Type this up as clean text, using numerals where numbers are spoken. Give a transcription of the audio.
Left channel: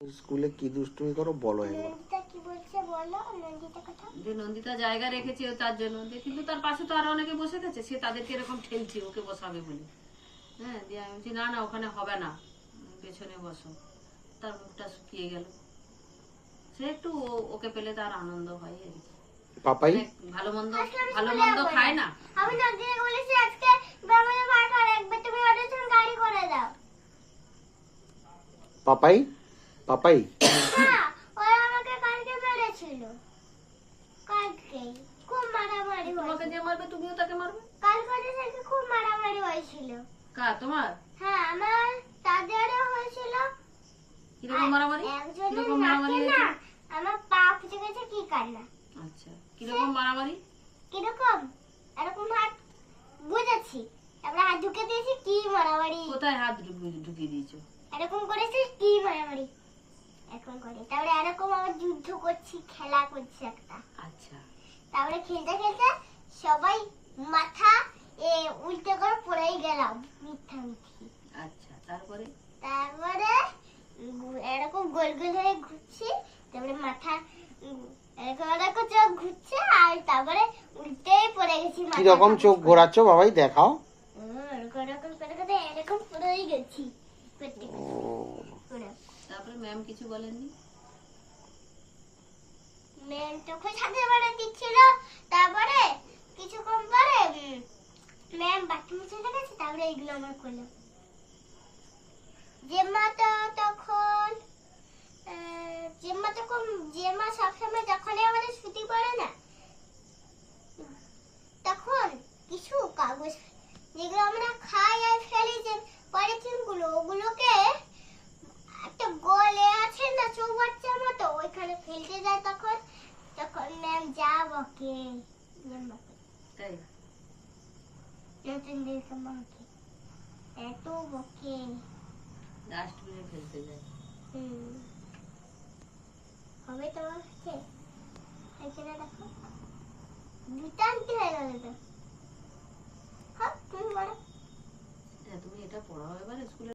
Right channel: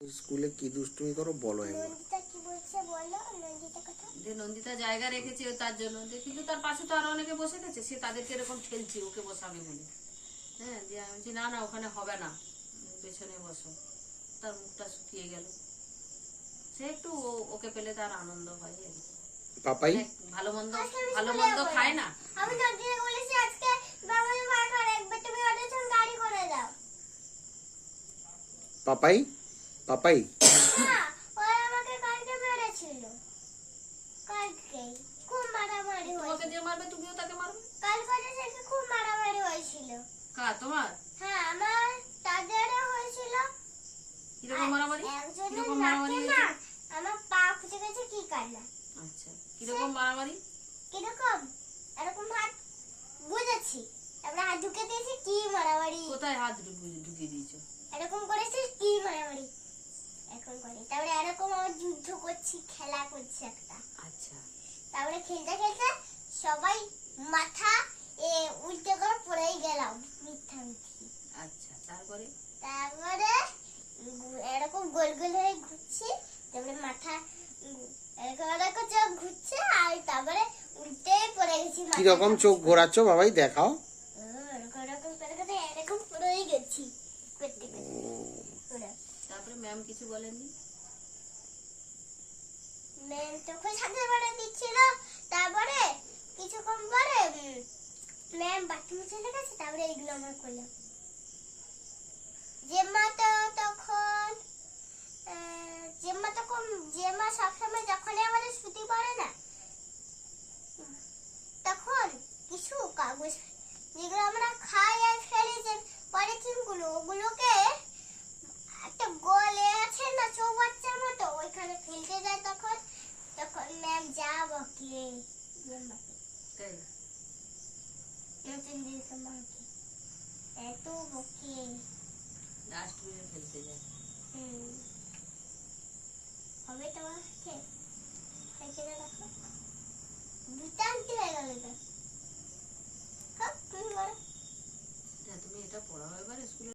স্কুলে কি দুষ্টুমি করো বলো একবার। নন্দিতা কি বলছে বলো, নন্দিতা কথা। যে নন্দিতা জায়গা রেখেছে তার জন্য, কিন্তু তার পাশে তো আরো অনেকে বসে গেছে, সে তাদেরকে এরকম ঠেলছে ওকে বসাবে বলে। হ্যাঁ, দিয়ে আমি বলছি না না ওখানে হবে না, পেছনে বসো। তার মুখটা শুকিয়ে গেল। সে একটু ওকে পেলে তার আনন্দ হয় আর কি। পাপাই ভালো মন্দ খায় না। আমি নন্দিতাকে বলেছি আজকে বাবাকে ভাড়া করে একবার তুমি ওদের জন্য গাড়ি করে দাও। পাপাই পাপাই হ্যাঁ, ওরা আমাকে কালকে মেরেছিল। কালকে খুব মারামারি তোমাকে হয়েছিল। যে মারবে তুমিও তাকে মারবে। কালকে ওদের সাথে খুব মারামারি হয়েছিল। তোমার হ্যাঁ, আমার তাদেরও হয়েছিল। কিরকম মারামারি? একজনের কিরকম মারামারি নাকে হয়েছিল? না আমার পা ফুটে গেছে কি কান্না। আচ্ছা, কিরকম মারামারি? কিরকম এরকম হাত বুঝেছি, আমরা হাত ঢুকে দিয়েছি কি মারামারি। কোথায় হাত ঢুকিয়ে দিয়েছো? এরকম করেছে কি মারামারি এরকম করে, তারপরে এরকম আবার যুদ্ধ করছি, খেলা করছি একটা। আচ্ছা, তারপরে খেলতে খেলতে সবাই মাথা উল্টে করে পড়েই গেলাম মিথ্যা মিথ্যি। আচ্ছা, তারপরে এরকম গোল গোল হয়ে ঘুরছি, তারপরে মাথা এরকম এরকম চোখ ঘুরছে, আর তারপরে উল্টেই পড়ে গেছি। কি রকম চোখ ঘোরাচ্ছ বাবাই দেখাও। এরকম এরকম করে করে এরকম পড়েই গেছি। তারপরে ম্যাম কিছু বলেননি? ম্যাম তখন সাথে বাড়া দিচ্ছিল। তারপরে কিছুক্ষণ পরে ম্যাম বাথরুমে চলে গেছে। তারপরে এগুলো আমার করলাম। জেম্মা সবসময় যখনই আমাদের ছুটি পড়ে না, তখন কিছু কাগজ যেগুলো আমরা খাই আর ফেলি, যে পলিথিন গুলো, ওগুলোকে একটা গোলে আছে না চৌবাচ্চার মতো, ওইখানে ফেলতে যায়। তখন ম্যাম যা বকে তাই? নতুন দিয়েছে মাকে, এত বকে। ডাস্টবিনে ফেলতে যায়। হবে তোমার কাছে দেখো দুটান্তি হয়ে গেল তো।